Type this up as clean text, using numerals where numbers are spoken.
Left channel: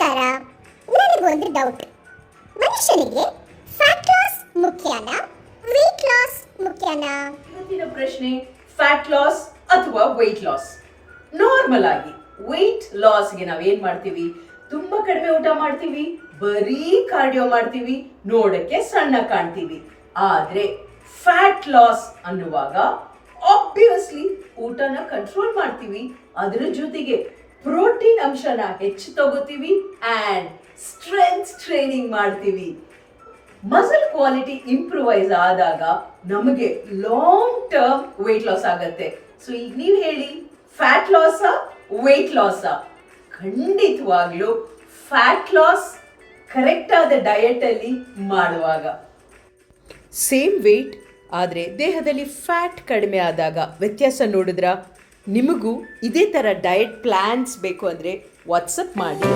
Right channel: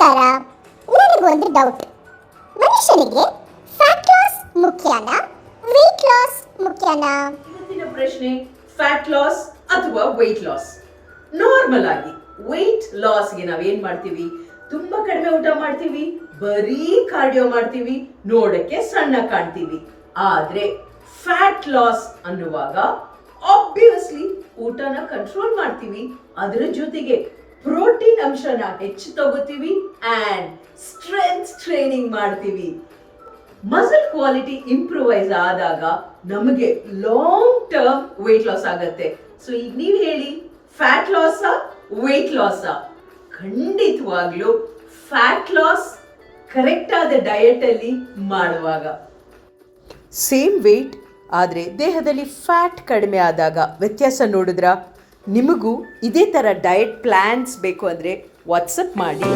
ನಮಸ್ಕಾರ. ನನಗೊಂದು ಡೌಟ್. ಮನುಷ್ಯನಿಗೆ ಫ್ಯಾಟ್ ಲಾಸ್ ಮುಖ್ಯನಾ, ವೆಯ್ಟ್ ಲಾಸ್ ಮುಖ್ಯನಾ? ಇವತ್ತಿನ ಪ್ರಶ್ನೆ ಫ್ಯಾಟ್ ಲಾಸ್ ಅಥವಾ ವೆಯ್ಟ್ ಲಾಸ್. ನಾರ್ಮಲ್ ಆಗಿ ವೆಯ್ಟ್ ಲಾಸ್ಗೆ ನಾವೇನ್ ಮಾಡ್ತೀವಿ, ತುಂಬಾ ಕಡಿಮೆ ಊಟ ಮಾಡ್ತೀವಿ, ಬರೀ ಕಾರ್ಡಿಯೋ ಮಾಡ್ತೀವಿ, ನೋಡಕ್ಕೆ ಸಣ್ಣ ಕಾಣ್ತೀವಿ. ಆದ್ರೆ ಫ್ಯಾಟ್ ಲಾಸ್ ಅನ್ನುವಾಗ ಆಬ್ವಿಯಸ್ಲಿ ಊಟನ ಕಂಟ್ರೋಲ್ ಮಾಡ್ತೀವಿ, ಅದರ ಜೊತೆಗೆ ಪ್ರೋಟೀನ್ ಅಂಶನ ಹೆಚ್ಚು ತಗೋತೀವಿ ಅಂಡ್ ಸ್ಟ್ರೆಂತ್ ಟ್ರೈನಿಂಗ್ ಮಾಡ್ತೀವಿ. ಮಸಲ್ ಕ್ವಾಲಿಟಿ ಇಂಪ್ರೂವೈಸ್ ಆದಾಗ ನಮಗೆ ಲಾಂಗ್ ಟರ್ಮ್ ವೆಯ್ಟ್ ಲಾಸ್ ಆಗತ್ತೆ. ಸೊ ಈಗ ನೀವು ಹೇಳಿ, ಫ್ಯಾಟ್ ಲಾಸ್ ವೆಯ್ಟ್ ಲಾಸ್? ಖಂಡಿತವಾಗ್ಲೂ ಫ್ಯಾಟ್ ಲಾಸ್ ಕರೆಕ್ಟ್ ಆದ ಡಯಟ್ ಅಲ್ಲಿ ಮಾಡುವಾಗ. ಸೇಮ್ ವೆಯ್ಟ್ ಆದರೆ ದೇಹದಲ್ಲಿ ಫ್ಯಾಟ್ ಕಡಿಮೆ ಆದಾಗ ವ್ಯತ್ಯಾಸ ನೋಡಿದ್ರ? ನಿಮಗೂ ಇದೇ ಥರ ಡಯಟ್ ಪ್ಲ್ಯಾನ್ಸ್ ಬೇಕು ಅಂದರೆ ವಾಟ್ಸಪ್ ಮಾಡಿ.